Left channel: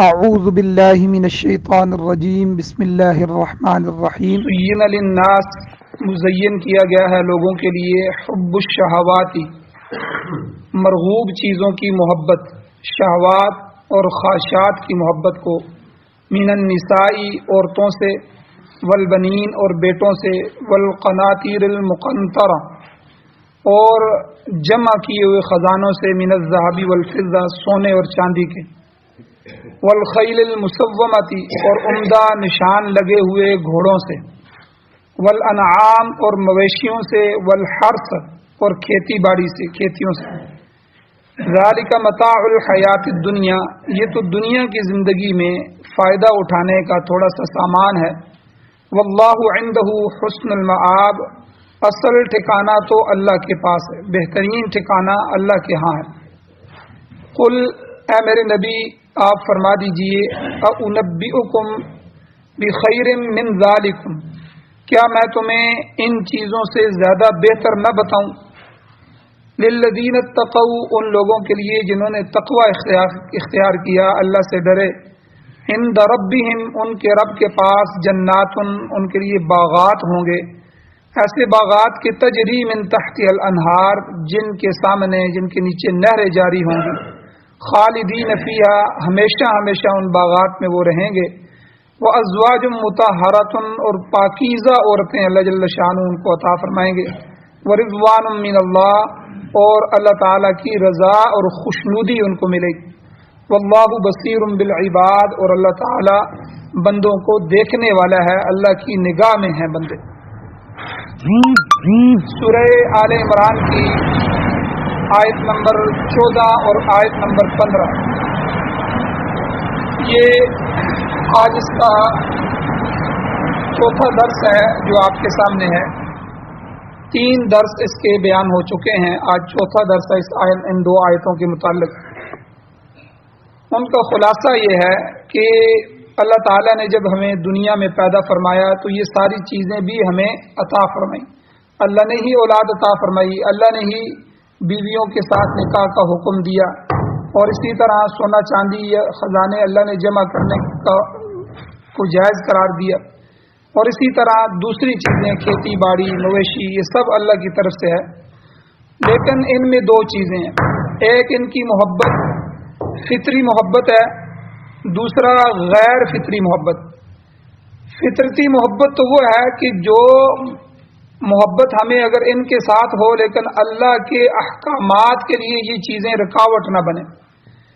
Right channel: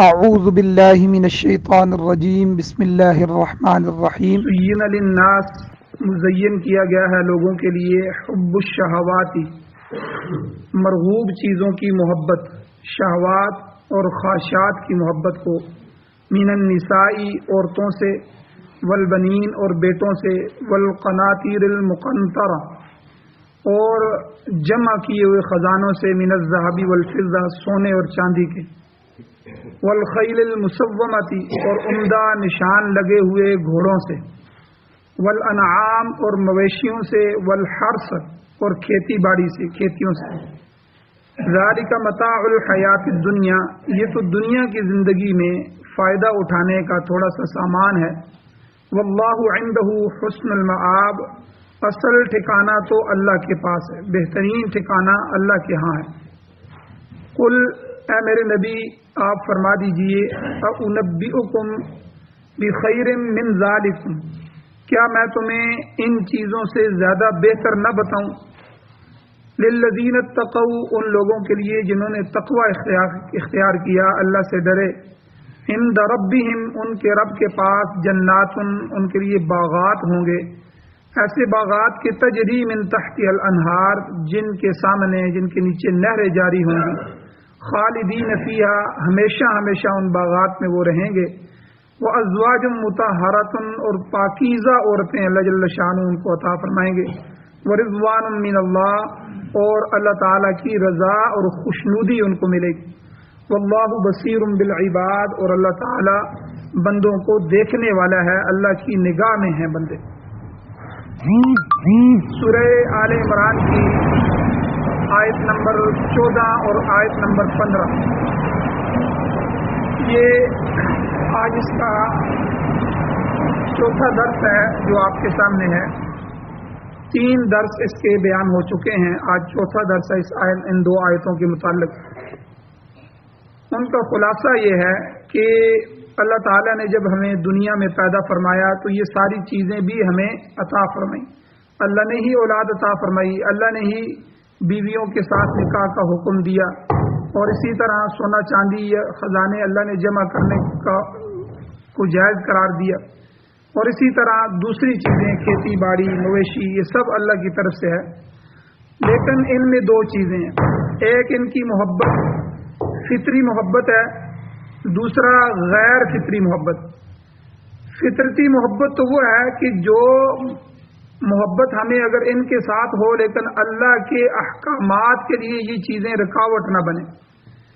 اعوذ باللہ من الشیطان الرجیم بسم اللہ الرحمن الرحیم زین للناس مزین کیا گیا ہے لوگوں کے لیے حب الشہواتی مرغوب چیزوں کی محبت، شہوات اور خواہشات کی محبت کو، من النساء عورتوں سے، والبنین اور بیٹوں سے، والقناطیر المقنطرہ اور جمع کیے ہوئے خزانوں سے، من الذهب والفضہ سونے اور چاندی کے، والخیل المسومتی اور عمدہ نشان لگے ہوئے گھوڑوں سے، والانعام اور مویشیوں سے، والحرث اور کھیتی باڑی سے، کھیتیوں سے، ذالک متاع الحیات الدنیا یہ تو دنیا کی زندگی میں فائدہ اٹھانے کا تھوڑا سا سامان ہے، واللہ عندہ حسن المآب اصل ٹھکانہ تو اللہ کے پاس ہے، بہترین ٹھکانہ اللہ کے ہاں ہے۔ قل اے میرے نبی آپ فرما دیجئے، اُنبئکم بخیر من ذالکم کیا میں تمہیں ان چیزوں سے زیادہ بہتر نہ بتاؤں، للذین اتقوا ان لوگوں کے لیے جنہوں نے تقوی اختیار کیا، اللہ سے ڈرے، عند ربہم ان کے رب کے پاس، جنات ان کے لیے باغات ہوں گے، ایسے باغات کے تجری من تحت الانہار جن کے سامنے، جن کے نیچے نہریں جاری ہوں گی، خالدین فیہا ہمیشہ ہمیشہ ان باغات میں وہ رہیں گے، وازواج مطہرۃ اور پاکیزہ عورتیں اللہ جل شانہ ان کو عطا فرمائیں گے، ورضوان من اللہ اور اللہ تعالیٰ کی رضا اور خوشنودی ان کو ملے گی، واللہ بصیر بالعباد اور اللہ تعالیٰ بندوں کو دیکھنے والا ہے، اللہ کی نگاہ میں ہیں بندے۔ سورہ آل عمران کی آیت نمبر 14 اور آیت نمبر 15 یہ آج اس کا چوتھا درس ہے جو آپ کے سامنے ہے۔ 3 درس اس کے بیان ہو چکے ہیں، آج چوتھا درس ہے ان 2 آیتوں کے متعلق۔ ان کا خلاصہ یہ ہے کہ اللہ تعالیٰ نے جب ہمیں دنیا میں پیدا فرمایا تو یہ ساری چیزیں بھی ہمیں عطا فرمائیں۔ اللہ نے ہی اولاد عطا فرمائی، اللہ نے ہی بیویوں کے ساتھ نکاح کا حکم دیا، اور اسی طرح سونا چاندی یا خزانے اللہ نے جمع کرنے کو جائز قرار دیا، اور اسی طرح دوسری چیزیں کھیتی باڑی مویشی یہ سب اللہ کی طرف سے ہے۔ لیکن ان میں 2 چیزیں ہیں، ایک ان کی محبت فطری محبت ہے، دوسرا غیر فطری محبت۔ فطرتی محبت تو وہ ہے کہ جو محبت ہمیں اگر ان کے ساتھ ہو لیکن اللہ کے احکامات کے لیے یہ چیزیں رکاوٹ نہ بنے،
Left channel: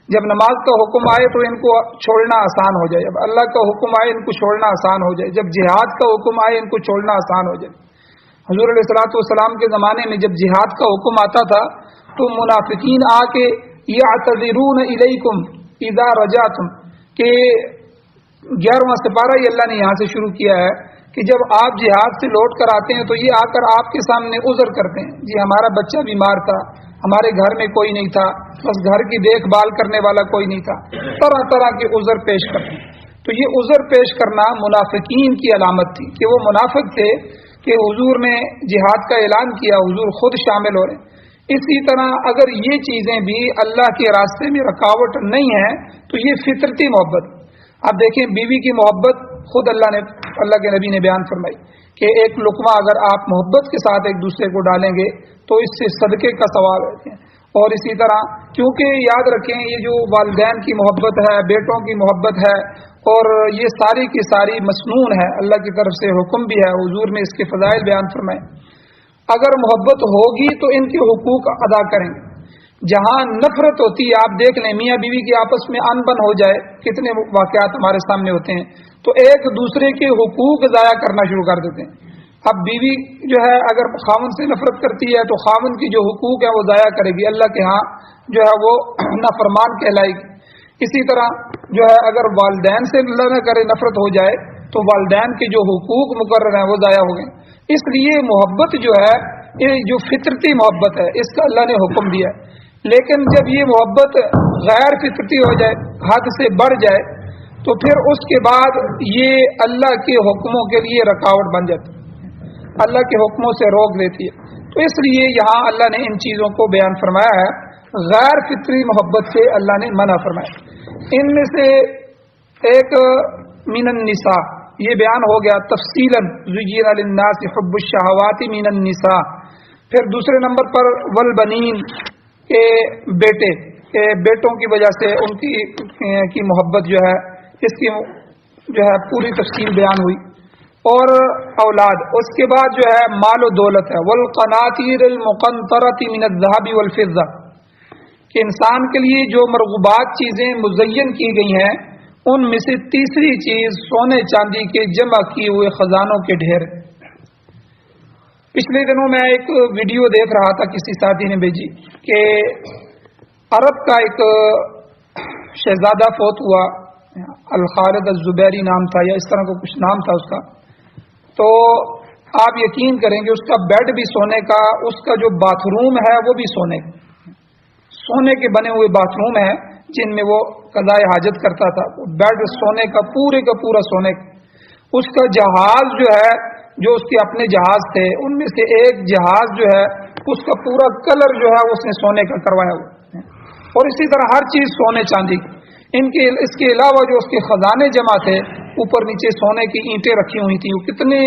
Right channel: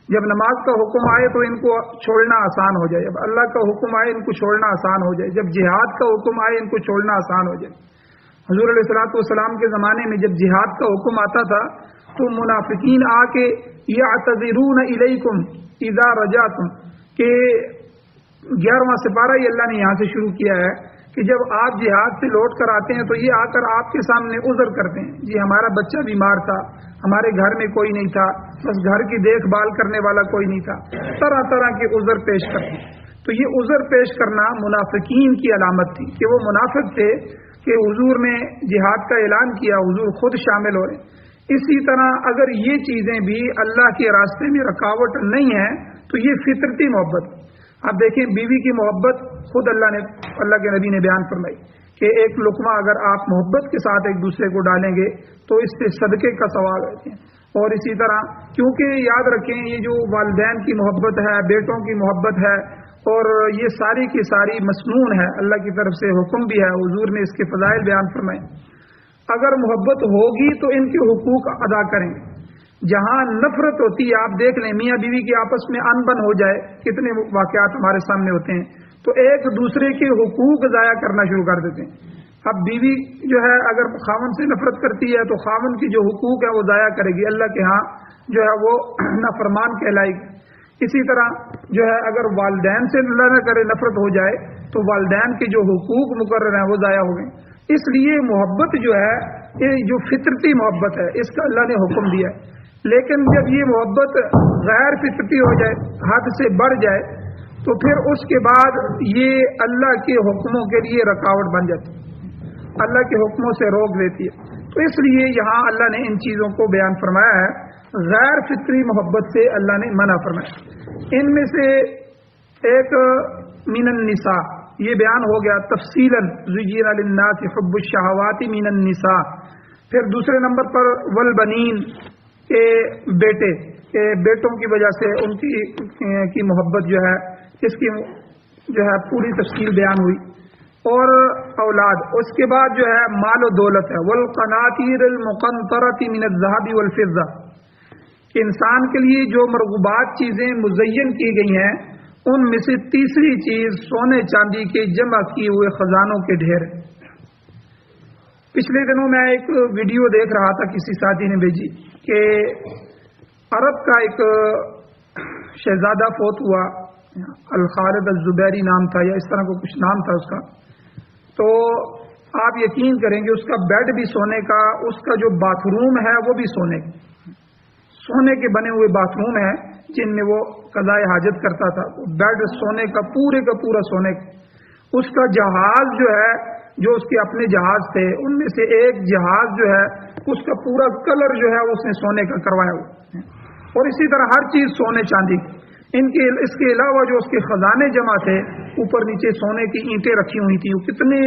جب نماز کا حکم آئے تو ان کو چھوڑنا آسان ہو جائے، جب اللہ کا حکم آئے ان کو چھوڑنا آسان ہو جائے، جب جہاد کا حکم آئے ان کو چھوڑنا آسان ہو جائے۔ حضور علیہ الصلوۃ والسلام کے زمانے میں جب جہاد کا حکم آتا تھا تو منافقین آ کے یعتذرون الیکم اذا رجعتم کہ 11واں سپارہ ہی اللہ نے یہاں سے شروع کیا ہے کہ جب آپ جہاد سے لوٹ کر آتے ہیں تو یہ آ کر آپ کے سامنے عذر کرتے ہیں، جی ہمارا بچہ بیمار تھا، ہمارے گھر میں کوئی نہیں تھا، بس گھر کی دیکھ بھال کرنے والا کوئی نہیں تھا، طرح طرح کے عذر پیش کرتے ہیں۔ تو یہ عذر پیش کرنا منافقین کی علامت تھی کہ وہ منافق تھے کہ حضور نے جہاد کا اعلان کیا، حضور خود شامل ہو رہے ہیں۔ اسی طرح اگر یہ چیزیں بھی اللہ کے راستے میں رکاوٹ نہیں ہیں تو یہ فطرتی محبت۔ آپ دیکھیں بیوی کی محبت خود اللہ کے نبی نے بیان فرمائی کہ ایک لقمہ اگر آپ محبت کے ساتھ ایک دوسرے کو ڈالیں گے تو اس سے صدقے کا ثواب ہے۔ اور اسی طرح کیونکہ یاد رکھیں یہ جو والدین کی محبت ہے، بیٹوں کی محبت ہے، اور یہ ساری کی ساری مسنون ہے، اللہ کی طرف سے حکم بھی ہے، حضور نے اس کے فضائل بیان فرمائے۔ اگر محبت ہوگی تو ان کے حقوق ادا کریں گے۔ جہاں نفرت ہوتی ہے، آپ دیکھ لیں میاں بیوی کی آپس میں ان بن ہو جائے، کتنے واقعات ہمارے سامنے ہوتے ہیں، تو ایک دوسرے کے حقوق ضائع کرنا شروع کر دیتے ہیں۔ اب بیوی جو ہے اگر خاوند سے نفرت کرتی ہے تو خاوند کی جو حقوق ہے وہ ضائع کرے گی، اللہ کے ہاں جو ہے وہ نافرمان کہلائے گی۔ اسی طرح جو ہے اگر والدین سے اللہ نہ کرے نفرت ہو جائے تو والدین کے جو حقوق مقرر ہیں وہ ضائع ہو گئے۔ اس لیے محبت جو ہے یہ جو فطرتی محبت ہے اس کا اللہ نے حکم دیا، لیکن جب یہ محبت غیر فطرتی ہو جائے، حد سے بڑھ جائے، تو پھر اس کے بعد یہ اللہ کے حکموں کے لیے رکاوٹ بن جاتی ہے، اللہ کے حکموں سے روک دیتی ہے۔ تو اس لیے یہاں اللہ نے ان چیزوں کو بیان فرمایا ہے، غیر فطری محبت سے اللہ نے منع فرمایا۔ ان میں سے ایک من النساء یہ بیان ہو گیا تفصیلاً زُيِّنَ لِلنَّاسِ حُبُّ الشَّهَوَاتِ مِنَ النِّسَاءِ. پھر دوسرے نمبر پر والبنین کے بیٹے کہ بیٹوں کی وجہ سے ان کی محبت جو ہے اس کی جو ہے پوری تفصیل بیان ہوئی. اور اولاد اس کے بعد جو ہے مال و دولت ہے. والقناطیر المقنطرة من الذهب والفضة کہ انسان کے لیے جو مرغوبات چیزیں مزین کی گئی ہیں ان میں سے تیسری چیز سونے چاندی کے جمع کیے ہوئے خزانوں کے ڈھیر. پچھلے دنوں میں ایک ویڈیو دیکھ رہا تھا کسی ساتھی نے بھیجی کہ عرب کا ایک شہزادہ فوت ہوا, الخالد الزبیری نام تھا یا اس طرح کا کچھ نام تھا اس کا. تو آپ یقین کریں گے اس کا بیڈ بھی سونے کا, اس کا جو باتھ روم ہے وہ بھی سونے کے بنے ہوئے باتھ روم ہیں جن میں وہ قضاء حاجت کرتا تھا. بیڈ سونے کا پورا سونے کا. اس کا جہاز جو ہے جو اس کے اپنے جہاز تھے ان میں سے ایک جہاز جو ہے اس کا پورا کلر جو ہے اس نے سونے کا کروایا ہوا. اور اسی طرح ہر چیز سونے چاندی کی. اس کے علاوہ جو اس کے خزانے جمع تھے اوپر نیچے سونے کی اینٹیں رکھی ہوئی تھیں. وہ کتنے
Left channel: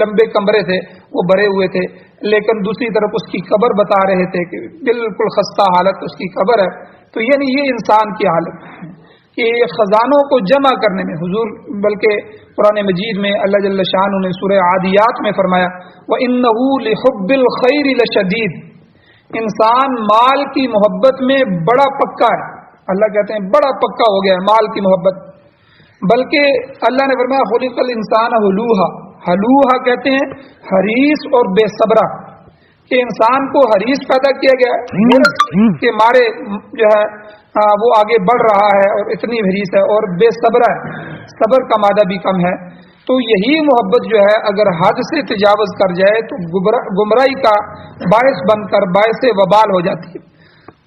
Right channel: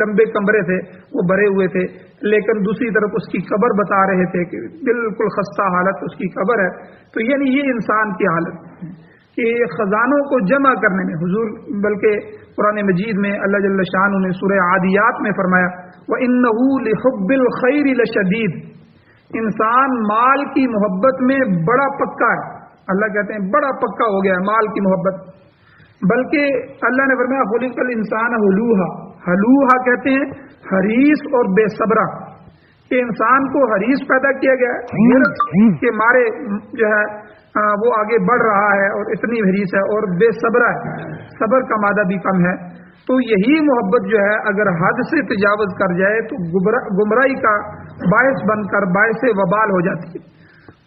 لمبے کمرے تھے وہ بھرے ہوئے تھے. لیکن دوسری طرف اس کی قبر بتا رہے تھے کہ بالکل خستہ حالت اس کی قبر ہے. تو یعنی یہ انسان کی حالت کہ خزانوں کو جمع کرنے میں حضور بلکہ قرآن مجید میں اللہ جل شانہ نے سورہ عادیات میں فرمایا وَإِنَّهُ لِحُبِّ الْخَيْرِ لَشَدِيدٌ انسان مال کی محبت میں بڑا پکا ہے. اللہ کہتے ہیں بڑا پکا ہو گیا ہے مال کی محبت. بلکہ اللہ نے فرمایا خلق الانسان ہلوہا. ہلوہا کہتے ہیں حریص اور بے صبرہ کہ انسان کو حریص پیدا کیا گیا ہے کہ مارے جو ہے وہ آگے بڑھ رہا ہے اور اتنی حریص ہے, اور بے صبرہ ہے, صبر کا مادہ بھی کم ہے. تو یہی محبت جو ہے اگر حد سے تجاوز کر جائے تو گمراہی کا باعث بن کر باعث وبال ہو جاتی ہے.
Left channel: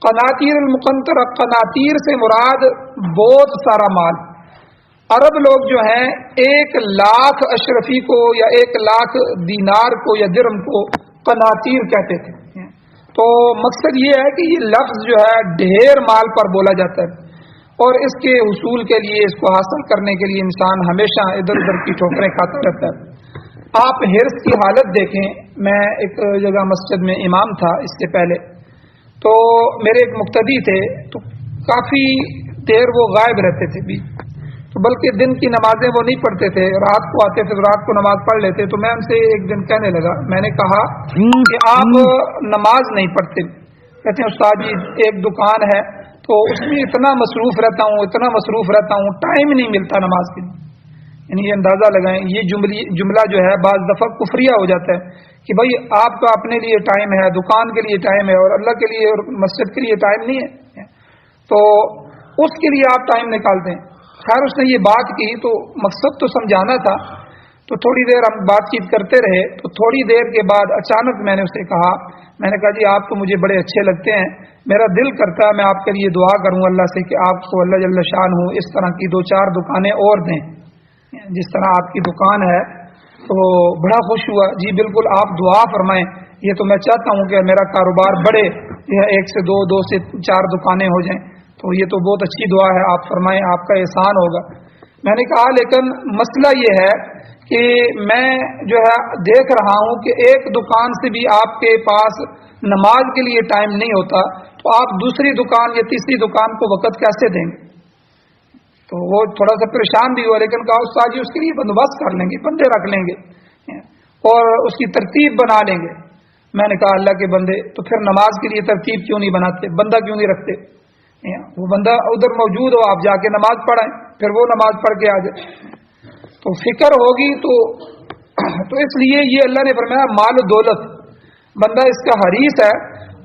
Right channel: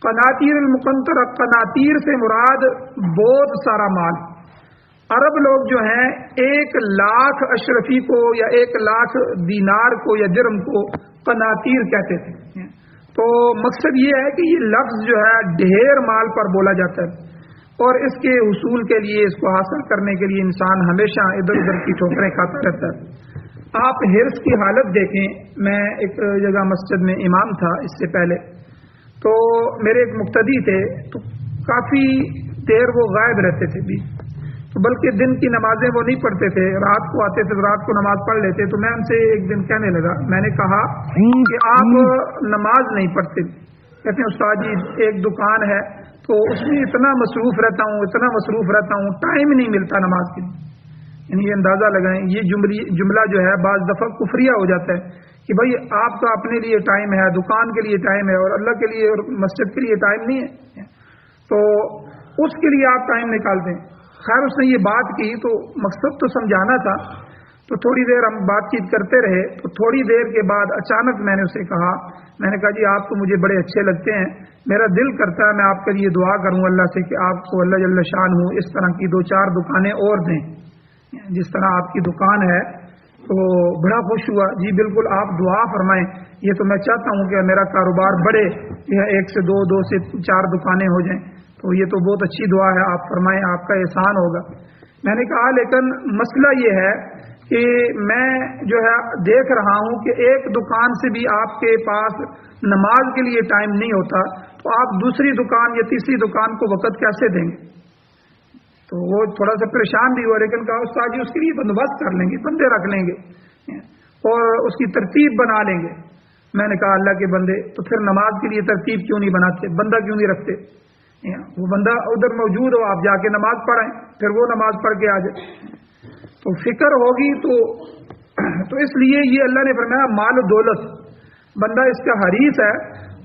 قناطیر المقنطرہ, قناطیر سے مراد بہت سارا مال. عرب لوگ جو ہیں 1,00,000 اشرفی کو یا 1,00,000 دینار کو یا درہم کو قناطیر کہتے تھے. تو مقصد یہ ہے کہ یہ لفظ جو ہے ڈھیر مال پر بولا جاتا ہے, اور اس کے حصول کے لیے اس کو حاصل کرنے کے لیے انسان ہمیشہ ادھر ادھر کی ٹھوکریں کھاتا رہتا ہے. آپ حرص کی حالت دیکھیں. میں ایک جگہ مسجد میں امام تھا اس سے پہلے, تو میرے ایک مقتدی تھے تو کافی دیر وہ غائب رہتے تھے بھی, تو بلکہ دن کی نمازیں وہ نہیں پڑھتے تھے, رات کو آتے تھے تو رات کو نماز پڑھ لیتے. تو میں ان سے ایک دن کہنے لگا, میں نے کہا کہ آپ نماز نہیں پڑھتے. کہتے ہیں استاد جی ایک دکان ہے تو اس میں اتنا مصروف رہتا ہوں ٹائم نہیں ملتا نماز کے لیے. یعنی یہ اندازہ لگائیں یہ جملہ جو ہے بعض دفعہ کفریہ ہو جاتا ہے کہ بھائی آپ کا اپنے لیے ٹائم ہے, دکان کے لیے ٹائم ہے, اور اللہ کے لیے اور مسجد کے لیے ٹائم نہیں ہے, تو اس کے لیے آپ ٹائم نکالتے ہیں. خیر اس نے یہ بات کی تو مقصد تو سمجھانا تھا, تو تھوڑی دیر ہم بات چیت کرتے رہے. تو تھوڑی دیر کے بعد اچانک میں نے اسے کہا, میں نے کہا جی آپ تو مجھے بڑے اچھے لگتے ہیں, میرا دل کرتا ہے میں آپ کے لیے دعا کروں اللہ سے کہ آپ کو اللہ جل شانہ اس طرح کی 2-4 دکانیں اور دیں جس طرح آپ کی دکان ہے. تو بڑا خوش ہوا. جی بالکل آپ دعا فرمائیں, یہ تو میں چاہتا ہوں کہ میرا کاروبار بڑھے, 1 سے 2 سے 4 دکانیں ہو جائیں. تو یہ تو بہت اچھی دعا ہے, آپ فرمائیں, آپ کا احسان ہوگا. میں نے کہا لیکن مسئلہ یہ ہے کہ میں جو ہے دیکھ رہا ہوں کہ ایک دکان سے بھی آپ کے پاس نماز کے لیے ٹائم نہیں ہوتا, تو آپ دوسری دکان یا تیسری دکان کو وقت کیسے دیں گے؟ تو وہ تھوڑا سا پریشان بھی ہوا, لیکن کہا استاد جی اس کے لیے بندوبست کر لیں گے, بندے رکھ لیں گے اور اس کی ترتیب بنا لیں گے. میں نے کہا اللہ کے بندے تو پھر نماز کے لیے ترتیب کیوں نہیں بناتے, بندہ کیوں نہیں رکھتے؟ وہ بندہ ادھر موجود ہو, آپ جا کے نماز پڑھائیں, پھر وہ نماز پڑھ کے آ جائے. تو فکر ہوگی تو اس لیے یہ اللہ نے فرمایا مال و دولت, بندہ اس کا حریص ہے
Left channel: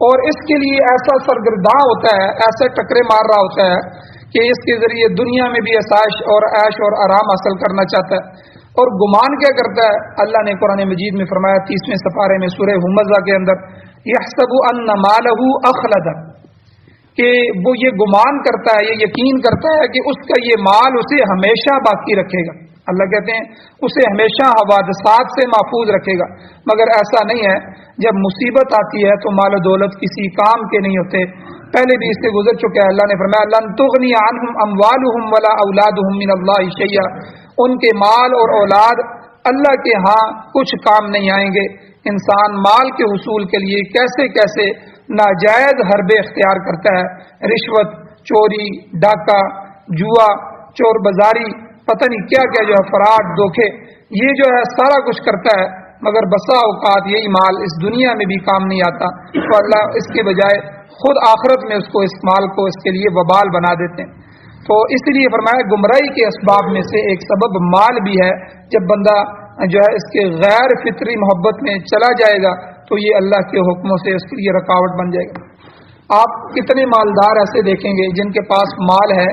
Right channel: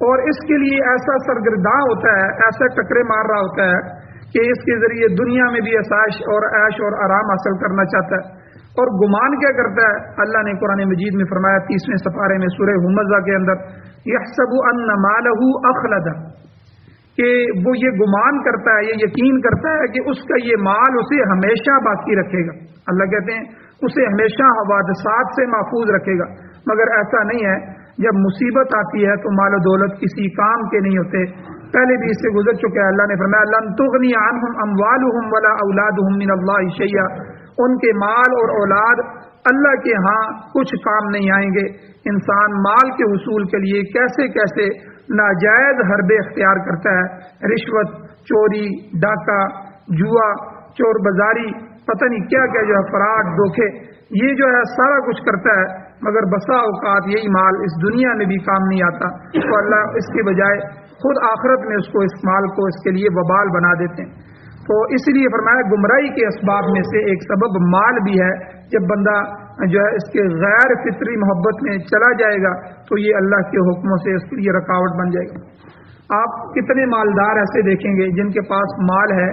اور اس کے لیے ایسا سرگرداں ہوتا ہے, ایسا ٹکرے مار رہا ہوتا ہے کہ اس کے ذریعے دنیا میں بھی عیش اور آرام حاصل کرنا چاہتا ہے. اور گمان کیا کرتا ہے؟ اللہ نے قرآن مجید میں فرمایا 30ویں سپارے میں سورہ ہمزہ کے اندر یحسب ان مالہ اخلد, کہ وہ یہ گمان کرتا ہے, یہ یقین کرتا ہے کہ اس کا یہ مال اسے ہمیشہ باقی رکھے گا. اللہ کہتے ہیں اسے ہمیشہ حوادثات سے محفوظ رکھے گا, مگر ایسا نہیں ہے. جب مصیبت آتی ہے تو مال و دولت کسی کام کے نہیں ہوتے. پہلے بھی اس سے گزر چکے ہیں. اللہ نے فرمایا لن تغنی عنہم اموالہم ولا اولادہم من اللہ شیئا، ان کے مال اور اولاد اللہ کے ہاں کچھ کام نہیں آئیں گے. انسان مال کے حصول کے لیے کیسے کیسے ناجائز حربے اختیار کرتا ہے، رشوت، چوری، ڈاکہ، جوا، چور بازاری، پتہ نہیں کیا کیا جو ہے، فراڈ، دھوکے، یہ جو ہے سارا کچھ کرتا ہے، مگر بسا اوقات یہی مال اس دنیا میں بھی کام نہیں آتا، تو اللہ اس کے بجائے خود آخرت میں اس کو، اس مال کو اس کے لیے وبال بنا دیتے ہیں. تو اس لیے فرمایا گمراہی کے اسباب میں سے ایک سبب مال بھی ہے. جب بندہ جو ہے اس کے غیر فطری محبت میں چلا جائے گا تو یہ اللہ کے حکموں سے اس کے لیے رکاوٹ بن جائے گا. آپ کتنے مالدار ایسے دیکھیں گے جن کے پاس مال ہے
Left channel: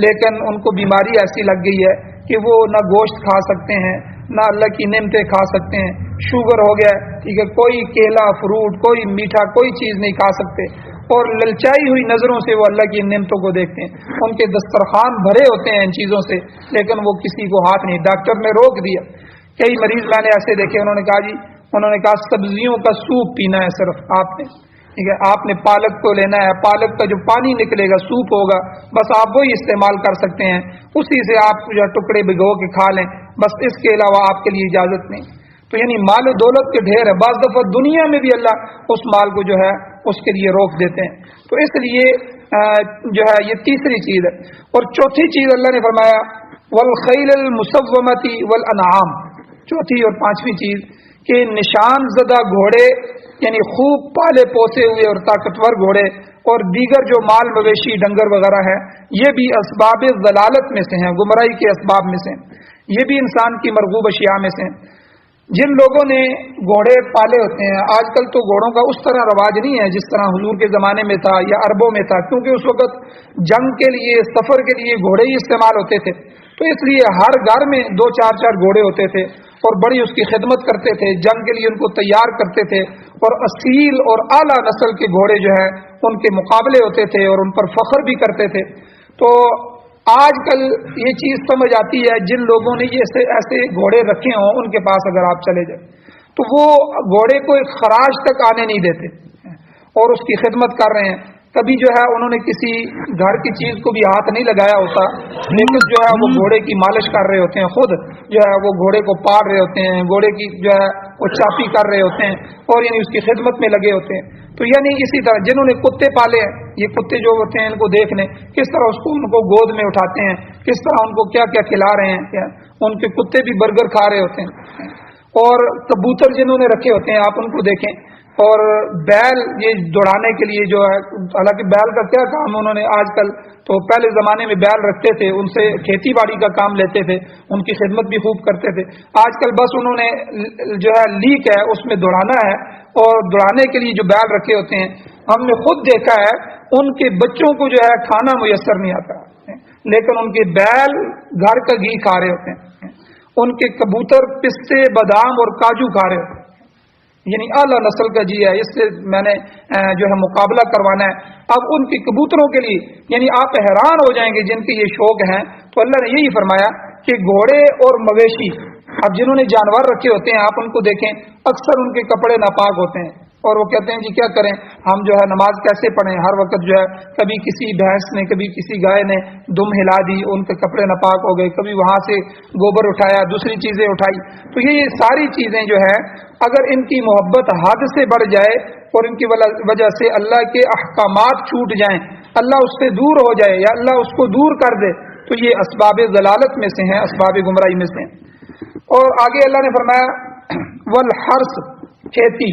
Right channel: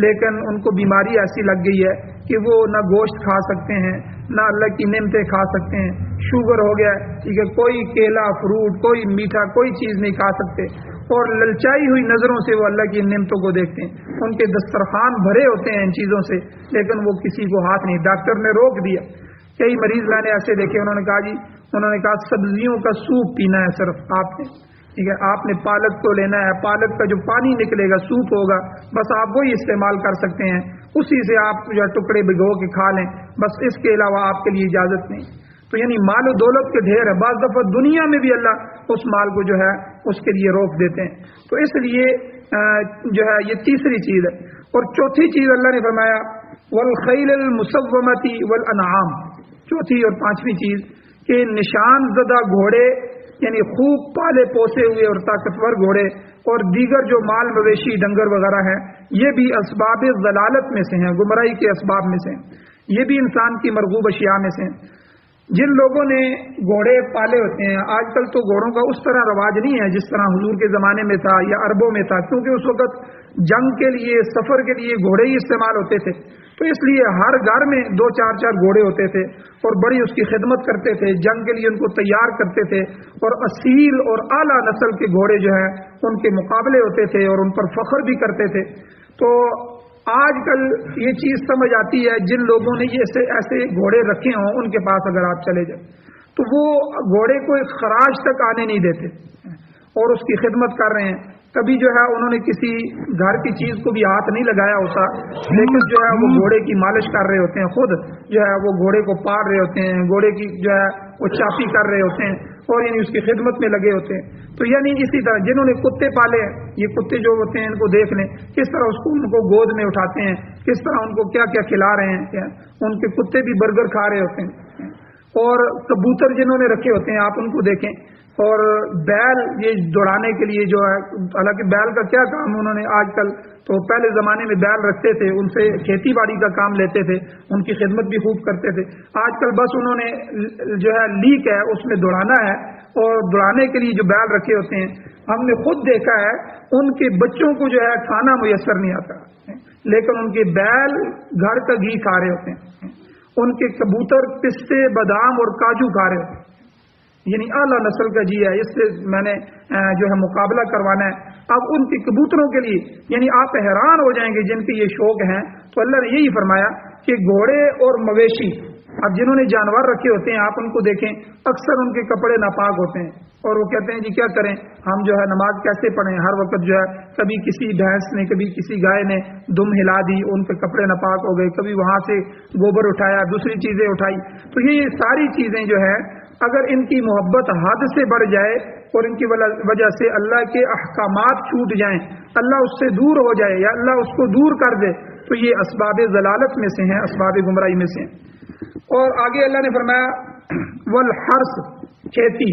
لیکن ان کو بیماری ایسی لگ گئی ہے کہ وہ نہ گوشت کھا سکتے ہیں، نہ اللہ کی نعمتیں کھا سکتے ہیں، شوگر ہو گیا ہے، ٹھیک ہے، کوئی کیلا، فروٹ، کوئی میٹھا، کوئی چیز نہیں کھا سکتے، اور للچائی ہوئی نظروں سے وہ اللہ کی نعمتوں کو دیکھتے ہیں. ان کے دسترخوان بھرے ہوتے ہیں ان چیزوں سے، لیکن وہ کسی کو ہاتھ نہیں. ڈاکٹر نے روک دیا. کئی مریض میں نے ایسے دیکھے، انہوں نے کہا سبزیوں کا سوپ پینا ہے صرف آپ نے، ٹھیک ہے، آپ نے پالک کو لینا ہے، پالک کا جو پانی نکلے گا سوپ ہوگا، بس آپ وہی استعمال کر سکتے ہیں، اسی سے آپ جو ٹکڑے بھگو کے کھا لیں، بس اس کے علاوہ آپ کے لیے اجازت نہیں. تو یعنی مال و دولت کے ڈھیر ہے. بعض دفعہ دنیا میں بھی اللہ اس مال کو جو ہے اس کے لیے روک دیتے ہیں. تو اس لیے جو ہے یہ تیسری چیز ہے. اور چوتھی چیز اللہ نے فرمایا والخیل المسومۃ والانعام، چوتھی اور پانچویں چیز کہ نشان زدہ گھوڑے، یعنی خوب پالے پوسے ہوئے اور طاقتور گھوڑے، اور دیگر جو مال مویشی ڈنگر وغیرہ ہیں، یہ بھی اسباب ضلالت میں سے ہیں، گمراہی کے اسباب میں سے ہیں. یہ بھی انسان کی مرغوب اشیاء میں سے ہیں. جن لوگوں نے گھوڑے پالے ہوتے ہیں، آج کل تو گھوڑوں کا اس طرح رواج نہیں ہے جس طرح حضور کے زمانے میں تھا یا عربوں میں تھا، کیونکہ اس وقت جنگ کے لیے، سفر کے لیے گھوڑے ہی استعمال ہوتے تھے. تو اس لیے ہر گھر میں 2-4 گھوڑے ہوتے تھے اور بڑی اس کی خدمت کرتے تھے، جنگ کے لیے ان کو تیار کرتے تھے، اور اصیل اور اعلیٰ نسل کے گھوڑے جو ہیں ان کے مقابلے ہوتے تھے اور ان پر فخر بھی کرتے تھے. تو آج کل یہ چیز سمجھ آتی ہے، جن لوگوں نے یہ ایسے گھوڑے رکھے ہوں ان کے پاس اگر آپ چلے جائیں تو وہ گھوڑے کو ایک خراج تک آنے نہیں دیتے اور اس کی خدمت کر رہے ہیں. کبھی جو ہے انہوں نے کسی گھر کی چیز کو بھی ہاتھ نہیں لگایا ہوتا، لیکن جو ہے وہ گھوڑے کی مالش کر رہے ہوتے ہیں، خود جو ہے وہ گھوڑے کو پاڑ رہے ہوتے ہیں، گھوڑے کی جو ہے وہ چاپی کر رہے ہوتے ہیں، اور یعنی اس کی خدمت میں لگے ہوتے ہیں. تو یعنی اسی طرح جنہوں نے کتے پالے ہیں، یہ کتے جو ہوتے ہیں ان کو دیکھ لیں کس طرح اس کو ان کو گود میں اٹھاتے ہیں، کس طرح ان کو کیا کیا کھلا رہے ہیں. ان کے کتے بھی برگر کھا رہے ہوتے ہیں. اور کبوتر جنہوں نے رکھے ہوتے ہیں آپ ان کو دیکھیں، اور بیل یہ دوڑانے کے لیے جو ہے، حالانکہ بیل کا کیا کام انہوں نے، آج کل تو پہلے زمانے میں بیل رکھتے تھے، ان سے کھیتی باڑی کا کام لیتے تھے، ان کی خدمت بھی خوب کرتے تھے. آج کل بس انہوں نے جو ہے لیک ہے اس میں دوڑانا ہے، اور دوڑانے کے لیے جو بیل رکھے ہوتے ہیں، ہم نے خود دیکھا ہے ان کے بچوں کو جو ہے کھانا میسر نہیں آتا، لیکن ان کے بیل گھر کا گھی کھا رہے ہوتے ہیں، ان کے کبوتر پستے، بادام اور کاجو کھا رہے ہوتے ہیں. یعنی اعلیٰ نسل کا جی ہے، اس سے میں نے جو ہے مقابلہ کروانا ہے. اب ان کے کبوتروں کے لیے یعنی آپ حیران ہو جائیں گے جن کے یہ شوق ہیں. تو اللہ نے یہی فرمایا کہ گھوڑے اور مویشی، اب جنہوں نے جانور رکھے ہوتے ہیں آپ ان کو دیکھیں، اکثر ان کے کپڑے ناپاک ہوتے ہیں، اور وہ کہتے ہیں جی کیا کریں ہم جو ہے نماز کیسے پڑھیں، ہر وقت جو ہے کبھی کسی بھینس نے، کبھی کسی گائے نے دم ہلا دی، ان کے کپڑے ناپاک ہو گئے، کبھی وہاں سے گوبر اٹھایا، دوسری چیزیں اٹھائی. تو یہ ساری چیزیں جو ہے اگر ان کی محبت حد سے بڑھ جائے اور ان کی وجہ سے اللہ کے احکامات چھوٹ جائیں، اللہ اس سے دور ہو جائے یا اللہ اس کو دور کر دے، تو یہ اسباب ضلالت میں سے ہیں، اسباب گمراہی میں سے ہیں. اور آگے اللہ نے فرمایا والحرث، کھیتی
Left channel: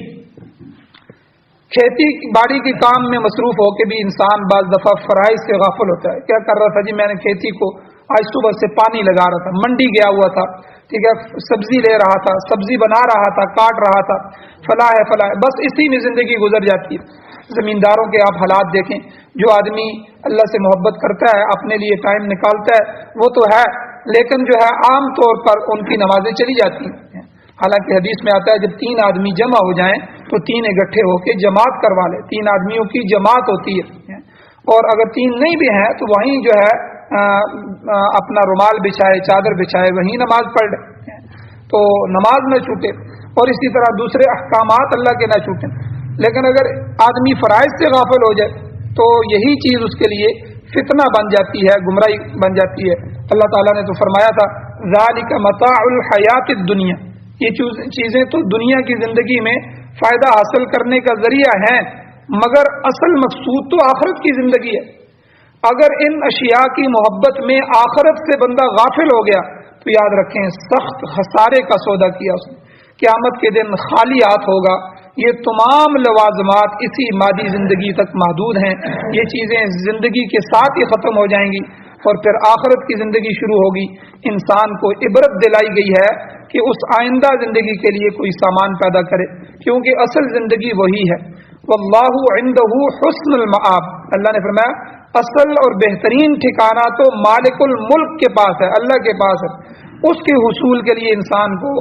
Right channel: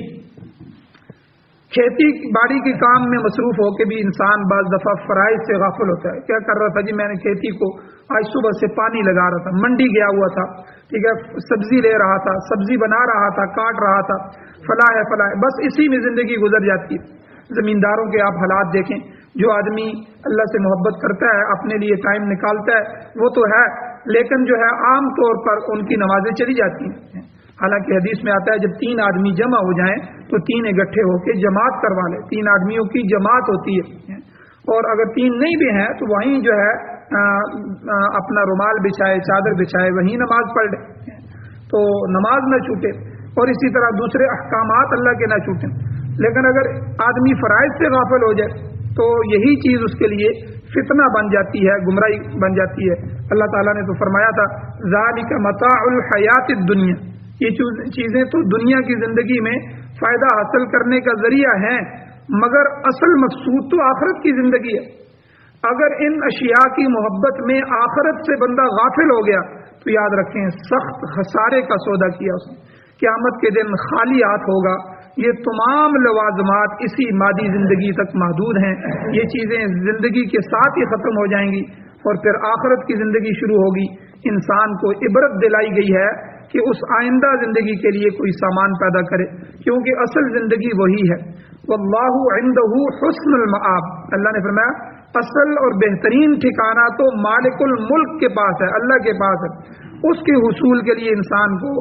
باڑی کے کام میں مصروف ہو کے بھی انسان بعض دفعہ فرائض سے غافل ہوتا ہے. کیا کر رہا تھا جی، میں نے کھیتی کو آج صبح سے پانی لگا رہا تھا، منڈی گیا ہوا تھا، ٹھیک ہے، سبزی لے رہا تھا، سبزی بنا رہا تھا، کاٹ رہا تھا، فلاح ہے فلاح ہے، بس اسی میں زندگی گزر جاتی ہے. زمینداروں کے آپ حالات دیکھیں، جو آدمی اللہ سے محبت کرتا ہے، اپنے لیے ٹائم نکالتا ہے، وہ تو ہے، لیکن جو ہے عام طور پر ان کی نمازیں چلی جاتی ہیں. حالانکہ حدیث میں آتا ہے جب 3 آدمی جمع ہو جائیں تو 3 اکٹھے ہو کے جماعت کروا لے. 3 آدمیوں کی جماعت ہوتی ہے، اور اگر 3 نہیں بھی ہیں تو وہیں جو ہے اپنا رومال بچھائے، چادر بچھائے، وہیں نماز پڑھ لے، تو نماز نہ چھوٹے. اور اسی طرح دوسرے احکامات اللہ کے نہ چھوٹیں. لیکن اگر آدمی فرائض سے غافل ہو جائے تو یہی چیز اس کے لیے فتنہ بن جاتی ہے، گمراہی بن جاتی ہے۔ اللہ تعالیٰ نے تو فرمایا تھا ذالک متاع الحیات الدنیا، یہ چیزیں تو دنیا کی زندگی میں فائدہ حاصل کرنے کا ذریعہ ہیں، مگر اصل مقصود تو آخرت کی زندگی ہے۔ اگر ان اشیاء کی محبت میں آخرت سے بندہ غافل ہو گیا تو یاد رکھیں سخت خسارے کا سودا کیا اس نے، قیامت کے دن خالی ہاتھ ہوگا۔ یہ تمام لوازمات اسی مادی زندگی تک محدود ہیں، یہ چیزیں زندگی کے ساتھ ہی ختم ہو جائیں گی اور پھر آخرت کی زندگی شروع ہوگی۔ انسان کو عبرت دلائی گئی ہے کہ اس آئندہ زندگی کے لیے کوئی سامان پیدا کرے، کیونکہ اصل زندگی وہی ہے۔ واللہ عندہ حسن المآب، اللہ نے فرمایا اصل اور بہترین ٹھکانہ تو مالک الملک کے پاس ہے، اللہ کے پاس ہے۔ اس کے حصول کے لیے انسان کو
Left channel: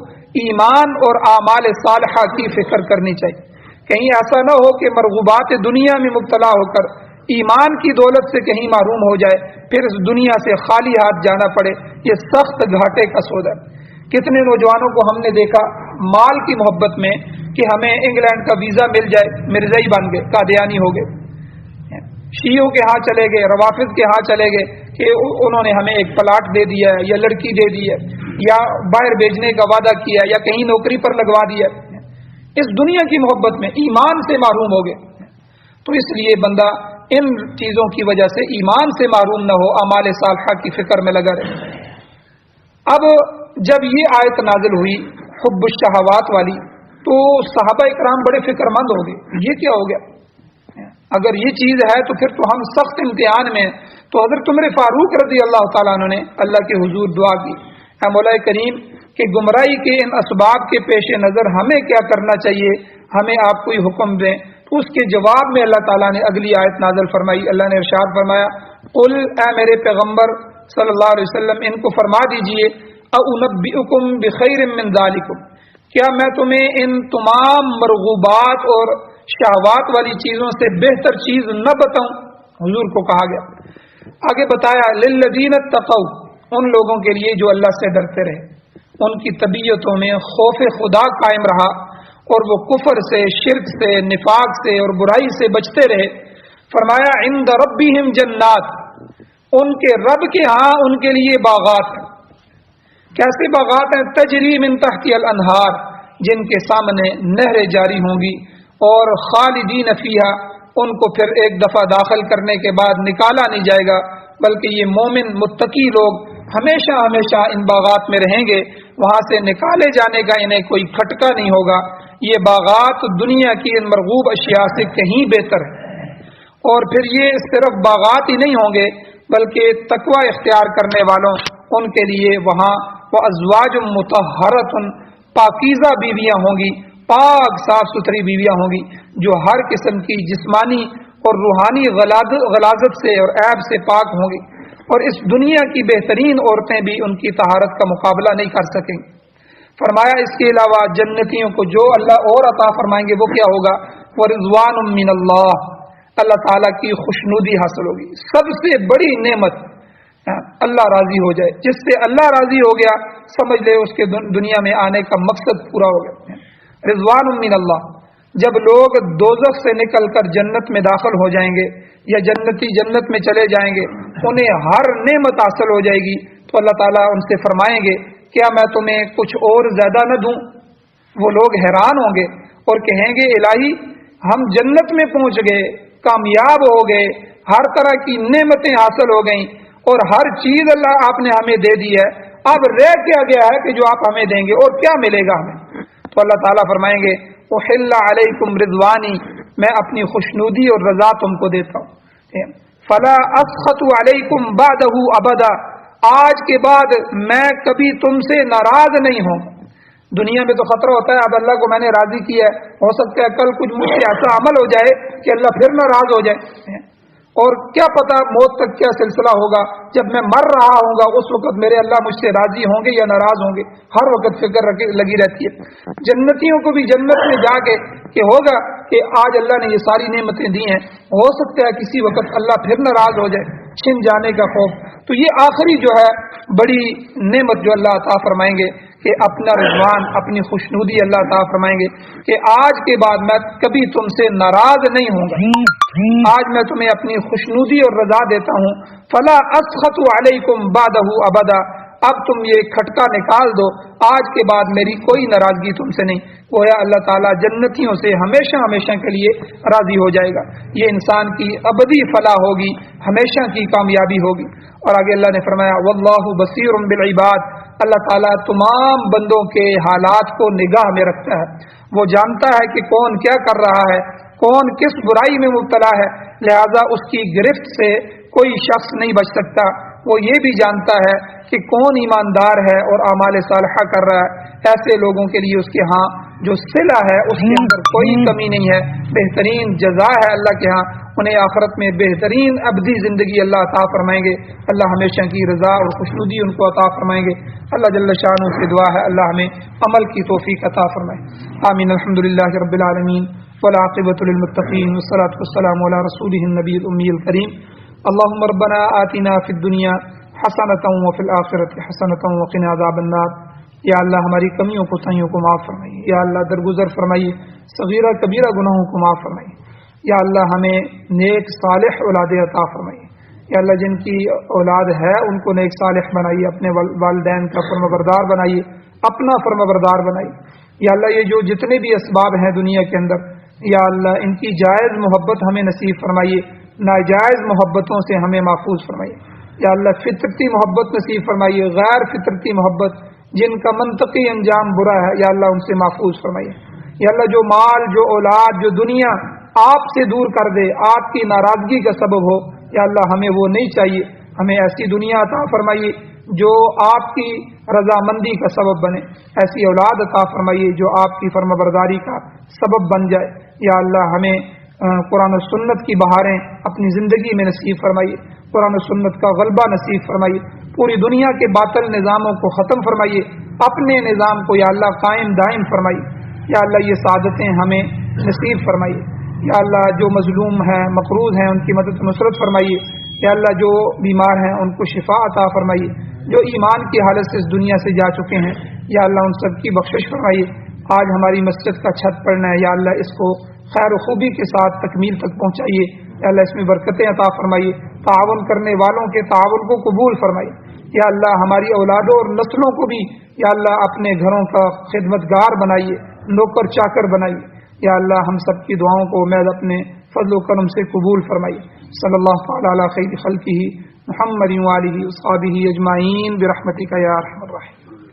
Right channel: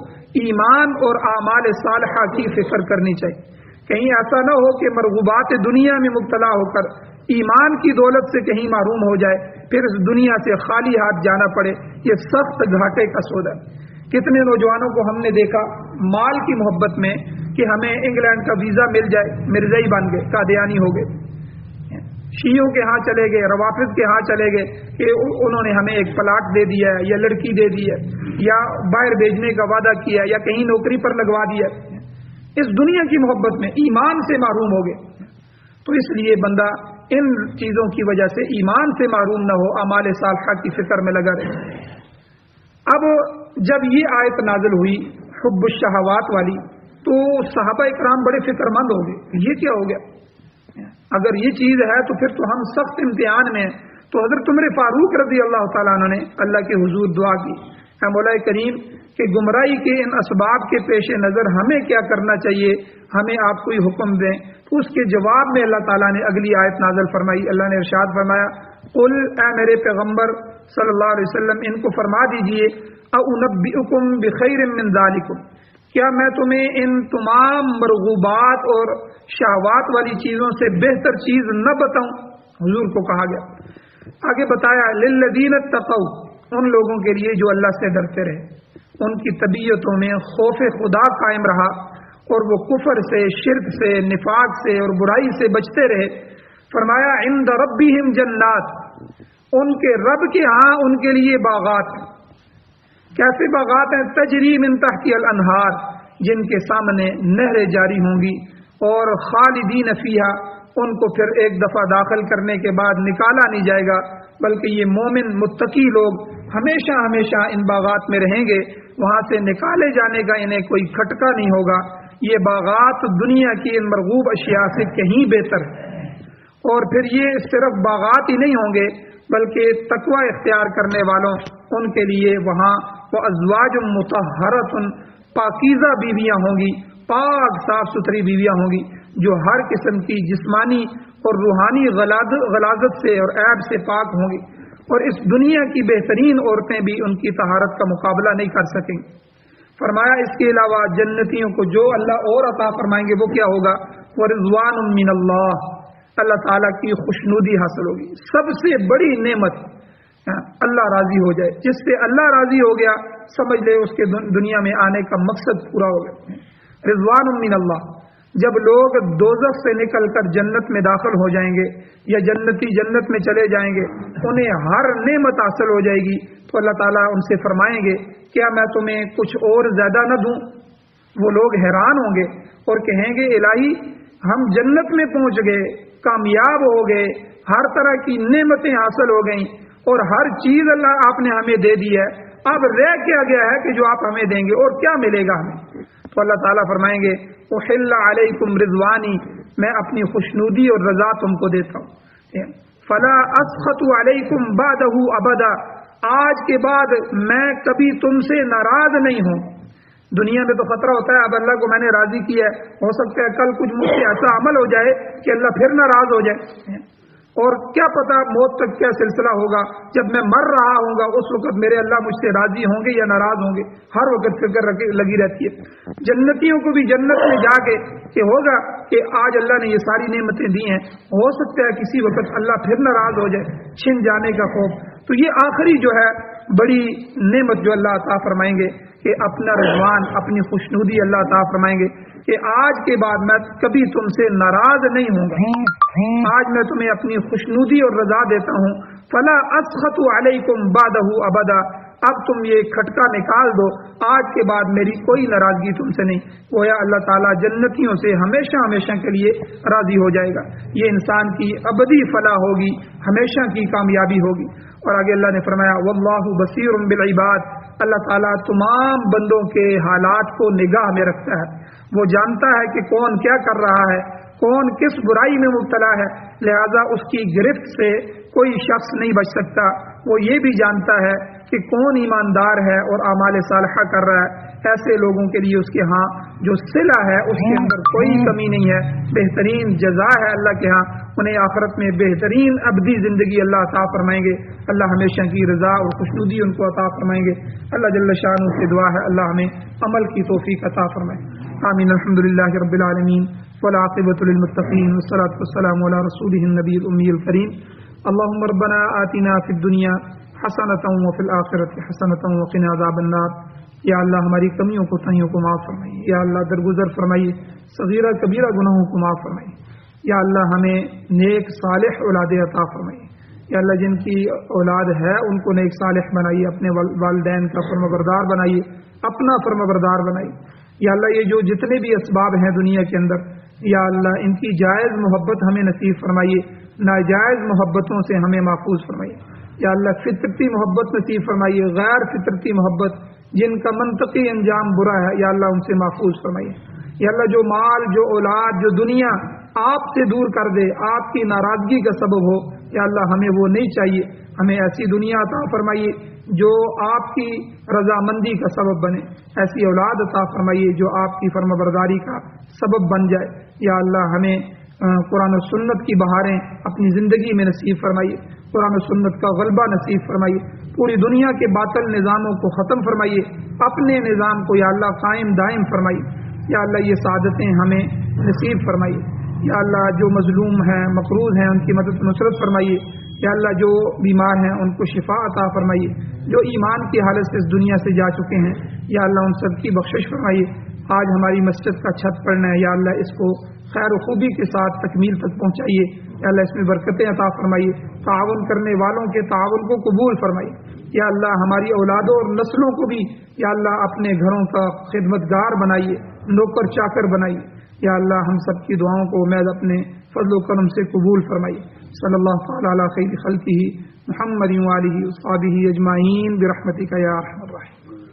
ایمان اور اعمال صالحہ کی فکر کرنی چاہیے۔ کہیں ایسا نہ ہو کہ مرغوبات دنیا میں مبتلا ہو کر ایمان کی دولت سے کہیں محروم ہو جائے، پھر اس دنیا سے خالی ہاتھ جانا پڑے۔ یہ سخت گھاٹے کا سودا ہے۔ کتنے نوجوانوں کو ہم نے دیکھا مال کی محبت میں کہ ہمیں انگلینڈ کا ویزا مل جائے، مرزائی بن گئے، قادیانی ہو گئے، شیعوں کے ہاں چلے گئے، روافض کے ہاں چلے گئے کہ انہوں نے ہمیں ایک پلاٹ دے دیا ہے یا لڑکی دے دی ہے یا باہر بھیجنے کا وعدہ کیا ہے یا کہیں نوکری پر لگوا دیا ہے۔ اس دنیا کی محبت میں ایمان سے محروم ہو گئے، تو اس لیے بندہ ان چیزوں کی وجہ سے ایمان سے محروم نہ ہو، اعمال صالحہ کی فکر میں لگا رہے۔ اب جب یہ آیت نازل ہوئی حب الشہوات والی تو صحابہ اکرام بڑے فکر مند ہو گئے، یہ کیا ہو گیا؟ اگر یہ چیز ہے تو پھر تو ہم سخت امتحان میں۔ تو حضرت عمر فاروق رضی اللہ تعالیٰ عنہ نے اللہ کے حضور دعا کی، اے مولا کریم کہ گمراہی کے ان اسباب کے پیش نظر ہمیں کیا کرنا چاہیے، ہمیں آپ کوئی حکم دیں۔ تو اس کے جواب میں اللہ تعالیٰ نے اگلی آیت نازل فرمائی۔ اللہ نے ارشاد فرمایا قل، اے میرے پیغمبر صلی اللہ علیہ وسلم ان کو فرما دیجئے اُنبئکم بخیر من ذالکم، کیا میں تمہیں ان تمام مرغوبات اور شہوات والی چیزوں سے بہتر چیز نہ بتاؤں؟ حضور کو کہا گیا۔ آگے بتایا للذین اتقوا، ان لوگوں کے لیے جو اللہ سے ڈرتے رہے، ان کی طبیعتوں میں خوف خدا قائم رہا اور وہ کفر سے، شرک سے، نفاق سے اور برائی سے بچتے رہے۔ فرمایا عند ربہم جنات، ان کے رب کے ہاں ان کے لیے باغات ہیں۔ کیسے باغات ہیں؟ تجری من تحتی الانہار، جن کے سامنے نہریں جاری ہوں گی، اور خالدین فیہا، ان کو پھر ایک دفعہ داخل کرنے کے بعد نکالا نہیں جائے گا، بلکہ یہ مومن متقی لوگ ہمیشہ ہمیشہ ان باغات میں رہیں گے، وہاں سے نکالے جانے کا انہیں کوئی کھٹکا نہیں ہوگا۔ یہ باغات دنیا کی ان مرغوب اشیاء سے کہیں بہتر ہے۔ اور پھر یہ صرف باغات ہی نہیں ہوں گے بلکہ تقوی اختیار کرنے والوں ان کے لیے وہاں وازواج مطہرۃ، پاکیزہ بیویاں ہوں گی، پاک صاف ستھری بیویاں ہوں گی جو ہر قسم کی جسمانی اور روحانی غلاظت سے اور عیب سے پاک ہوں گی، اور اس دنیا کی بہترین عورتیں بھی ان کی طہارت کا مقابلہ نہیں کر سکیں۔ فرمایا اس کے علاوہ جنتیوں کو جو اللہ اور عطا فرمائیں گے وہ کیا ہوگا؟ ورضوان من اللہ، اللہ تعالیٰ کی خوشنودی حاصل ہوگی۔ سب سے بڑی نعمت اللہ راضی ہو جائے، جس سے اللہ راضی ہو گیا سمجھ لے اس کے دنیا میں آنے کا مقصد پورا ہو گیا۔ رضوان من اللہ، جب لوگ دوزخ سے نکل کر جنت میں داخل ہو جائیں گے یا جنتی جنت میں چلے جائیں گے، انہیں ہر نعمت حاصل ہو جائے گی، تو اللہ تعالیٰ ان سے فرمائیں گے کیا میں تمہیں کچھ اور زیادہ نہ دوں؟ وہ لوگ حیران ہوں گے اور کہیں گے الہی ہم جنت میں پہنچ گئے، کامیاب ہو گئے، ہر طرح کی نعمتیں حاصل ہو گئیں اور ہر چیز اللہ آپ نے ہمیں دے دی ہے، اب رہ کیا گیا ہے کہ جو آپ ہمیں دیں گے اور کیا ملے گا ہمیں؟ تو اللہ تعالیٰ فرمائیں گے احل علیکم رضوانی، میں اپنی خوشنودی اور رضا تم کو دیتا ہوں، فلا اسخط علیکم بعدہ ابدا، آج کے بعد میں کبھی تم سے ناراض نہیں ہوں۔ دنیا میں تو خطرہ ہوتا ہے اب اللہ کو میں نے راضی کیا ہے، ہو سکتا ہے کل کچھ مجھ سے ایسا عمل ہو جائے کہ اللہ پھر ناراض ہو جائے، اور کیا پتا موت تک کیا سلسلہ ہوگا، جب میں مر رہا ہوں گا اس وقت میرے اللہ مجھ سے راضی ہوں گے یا ناراض ہوں گے، ہر وقت فکر لگی رہتی ہے۔ جنتیوں کو بھی جنت میں جا کے کہ ہوگا کہ آج اللہ نے یہ ساری نعمتیں دی ہیں، ہو سکتا ہے کسی وقت اللہ پھر ناراض ہو جائے، چھن جانے کا خوف۔ تو یہ آخری جو ہے بڑی نعمت جو اللہ عطا فرمائیں گے کہ اپنا رضوان، اپنی خوشنودی اللہ عطا فرمائیں گے کہ آج کے بعد میں کبھی تم سے ناراض نہیں ہوں گا، آج میں تمہیں اپنی خوشنودی اور رضا دیتا ہوں، فلا اسخط علیکم بعدہ ابدا، اب تم یہ کھٹکا نکال دو، آج کے بعد میری کوئی ناراضگی تم سے نہیں۔ گویا اللہ تعالیٰ جنتیوں سے ہمیشہ ہمیشہ کے لیے راضی ہو جائے گا، یہ انسان کی ابدی فلاح ہوگی، ہمیشہ کی کامیابی ہوگی۔ اور آگے اللہ نے فرمایا واللہ بصیر بالعباد، اللہ تعالیٰ تمام بندوں کے حالات کو نگاہ میں رکھتا ہے، وہ جانتا ہے کہ کون کیا کر رہا ہے، کون کس برائی میں مبتلا ہے، لہذا اس کی گرفت سے کوئی شخص نہیں بچ سکتا۔ وہ یہ بھی جانتا ہے کہ کون ایماندار ہے اور اعمال صالحہ کر رہا ہے، ایسے لوگوں کے لیے اس کے ہاں جو صلہ ہے اس کے اندر کوئی کمی نہیں ہے، بہترین جزا ہے اللہ کے ہاں، انہیں آخرت میں بہترین ابدی زندگی اللہ عطا فرمائیں گے، اللہ ہمیشہ کی رضا اور خوشنودی ان کو عطا فرمائیں گے۔ اللہ جل شانہ سے دعا ہے اللہ ہمیں عمل کی توفیق عطا فرمائے، آمین۔ الحمدللہ رب العالمین والعاقبۃ للمتقین والصلاۃ والسلام علی رسولہ النبی الامی الکریم۔ اللهم ربنا آتنا فی الدنیا حسنۃ وفی الآخرۃ حسنۃ وقنا عذاب النار۔ یا اللہ ہماری کمیوں کوتاہیوں کو معاف فرمائیے، یا اللہ درگزر فرمائیے، صغیرہ کبیرہ گناہوں کو معاف فرمائیے، یا اللہ ہمیں نیک صالح اولاد عطا فرمائیے، یا اللہ جن کی اولاد ہے ان کو نیک صالح بنائیے، اپنے والدین کا فرمانبردار بنائیے، اپنا فرمانبردار بنائیے، یا اللہ یہ جو جتنے بھی اسباب ہیں دنیا کے اندر، یا اللہ ان کی جائز محبت ہمیں نصیب فرمائیے، ناجائز محبتوں سے ہمیں محفوظ فرمائیے، یا اللہ فطرتی محبت نصیب فرمائیے، غیر فطرتی محبت جن کا منطقی انجام برا ہے یا اللہ ان سے محفوظ فرمائیے، یا اللہ جو مال، جو اولاد، جو دنیا آپ سے دور کر دے، آپ کی ناراضگی کا سبب ہو، یا اللہ ہمیں وہ نہیں چاہیے، ہمیں ایسی دنیا عطا فرمائیے جو آپ کی رضامندی کا سبب بنے، ایسی اولاد عطا فرمائیے جو آپ کی فرمانبرداری کا سبب بن جائے، یا اللہ ہمیں قرآن و سنت کی بہاریں اپنی زندگی میں نصیب فرمائیے، قرآن و سنت کا غلبہ نصیب فرمائیے، پوری دنیا کے باطل نظاموں کو ختم فرمائیے، اپنے نظام کو یا اللہ قائم دائم فرمائیے، یا اللہ یہ سعادتیں ہمیں نصیب فرمائیے، یا اللہ جو مظلوم ہیں، مقروض ہیں، ان کی مدد نصرت فرمائیے، یا اللہ جو بیمار ہیں ان کو شفا عطا فرمائیے، جو ایمان کی حالت سے اس دنیا سے جا چکے ہیں یا اللہ ان سب کی بخشش فرمائیے۔ آج ہماری مسجد کا چھت پڑنا ہے، یا اللہ اس کو خیر و خوبی کے ساتھ تکمیل تک پہنچائیے، یا اللہ اس میں برکتیں عطا فرمائیے، تعاون کرنے والوں کے تعاون کو قبول فرمائیے، یا اللہ ہماری اولادوں اور نسلوں کو بھی یا اللہ اپنے گھروں کا خدمتگار بنائیے، نوکر چاکر بنائیے، یا اللہ ہم سب کی دعاؤں کو امید اپنے فضل و کرم سے قبول فرمائیے۔ صلی اللہ تعالی علی خیر خلقہ محمد وآلہ وصحبہ اجمعین برحمتک یا ارحم الراحمین۔